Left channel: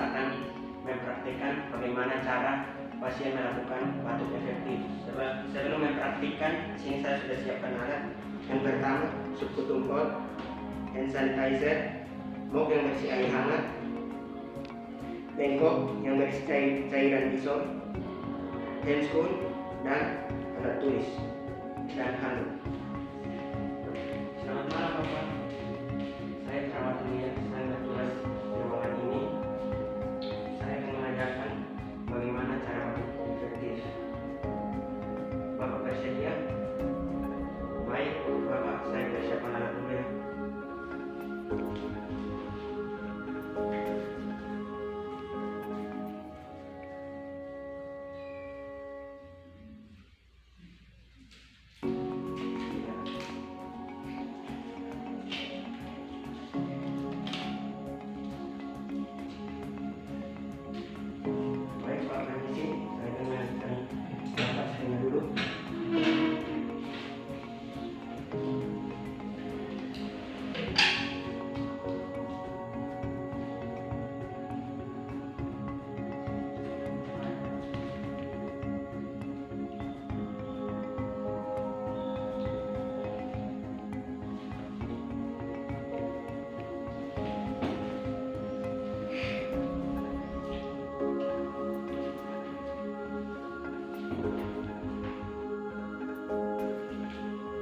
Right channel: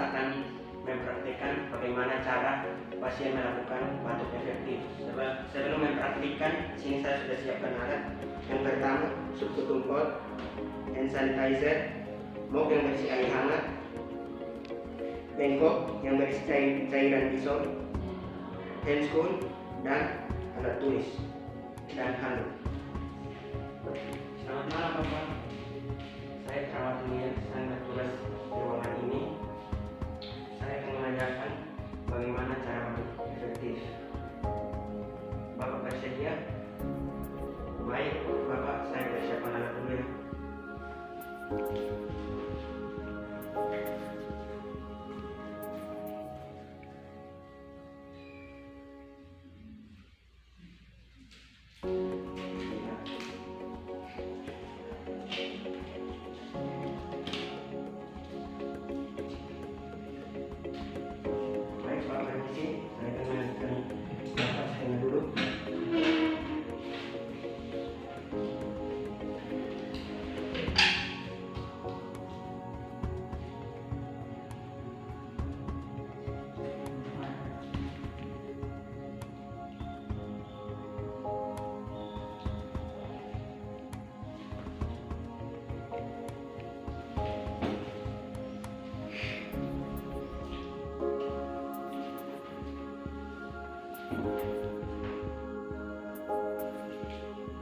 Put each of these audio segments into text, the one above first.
saya akan mempraktikkan bagaimana cara pasien melakukan batuk efektif. Sebelum mempraktikkan, sini saya sudah siapkan alat. Yang pertama, subkutumpol, hand sanitizer, mop yang berisi air hangat, bengkok yang berisi cairan Lysol, handscoon, dan alat tulis dan handuk. Selamat malam Bapak, saya perawat dunia yang bertugas di ruangan ini. Saya akan mengajarkan bagaimana cara batuk efektif. Bapak bersedia? Baik Bapak, saya persiapkan alat dulu ya. Pak, permisi, saya akan melanjutkan Bapak scan dulu.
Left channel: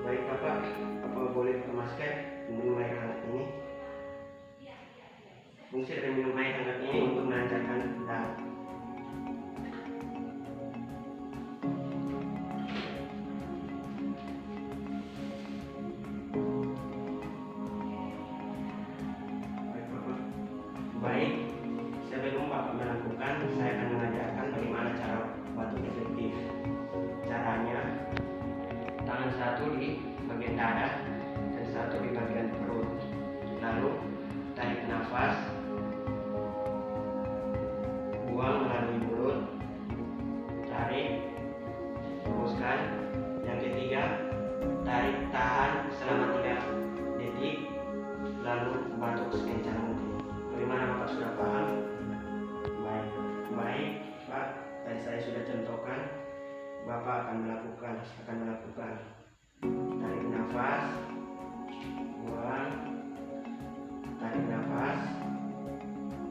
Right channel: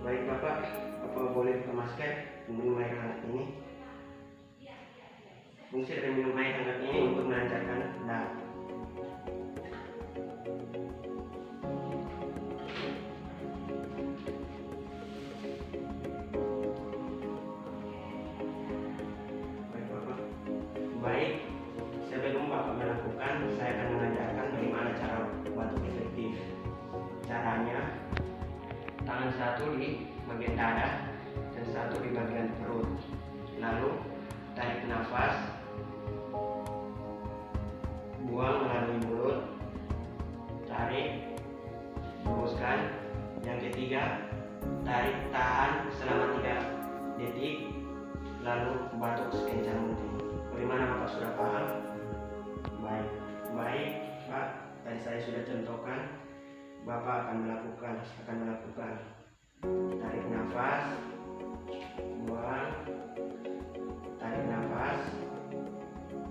Baik Bapak, apa boleh buka masker minum air hangat ini? Fungsi dari minum air hangat ini untuk melancarkan darah. Baik Bapak. Baik, sebelum Bapak melakukan, saya akan mengajarkan bagaimana cara batuk efektif. Caranya, tangan satu di bagian dada dan satu di bagian perut. Lalu tarik nafas, buang melalui mulut, tarik, hembuskan. Yang ketiga, tarik tahan selama 3 detik, lalu batuk sekencang mungkin. Bagaimana Bapak sudah paham? Baik Pak, tadi saya sudah contohkan. Bapak akan melakukan tarik nafas, buang, tarik nafas,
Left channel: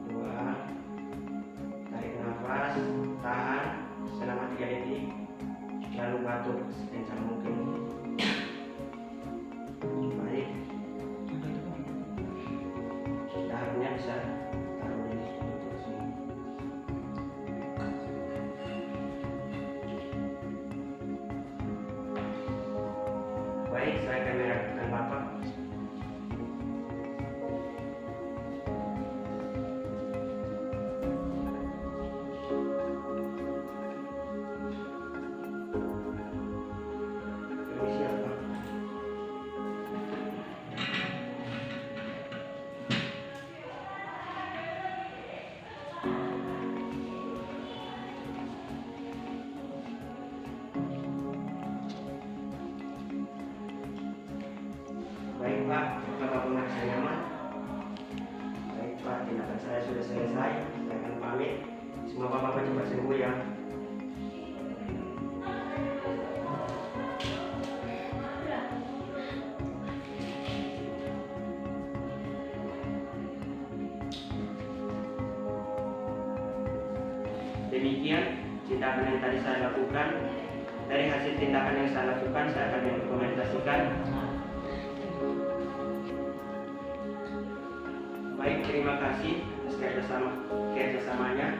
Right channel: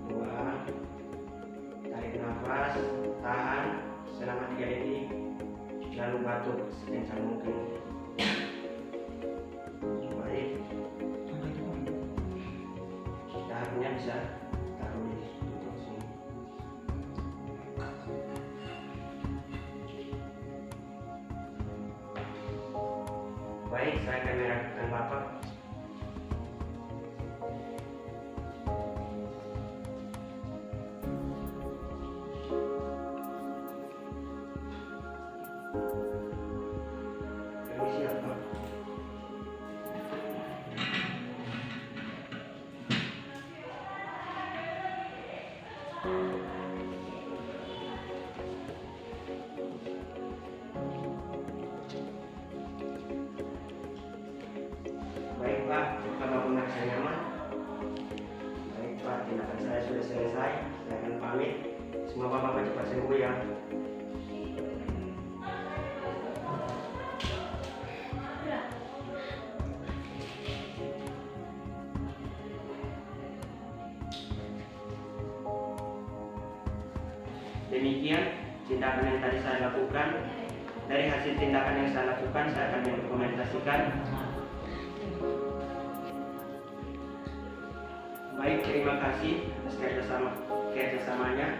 buang, tarik nafas, tahan selama 3 detik, lalu batuk sekencang mungkin. Baik, daharnya bisa taruh di lutut sini. Baik, saya akan merapikan Bapak. Permisi ya Pak. Baik Pak, apakah merasa nyaman? Baik Pak, tindakan saya sudah selesai. Saya akan pamit. Semoga Bapak cepat sembuh ya. Demikian tindakan yang tadi saya lakukan. Dari hasil tindakan yang saya lakukan, saya akan mendokumentasikan. Baik, terima kasih atas kerjasamanya.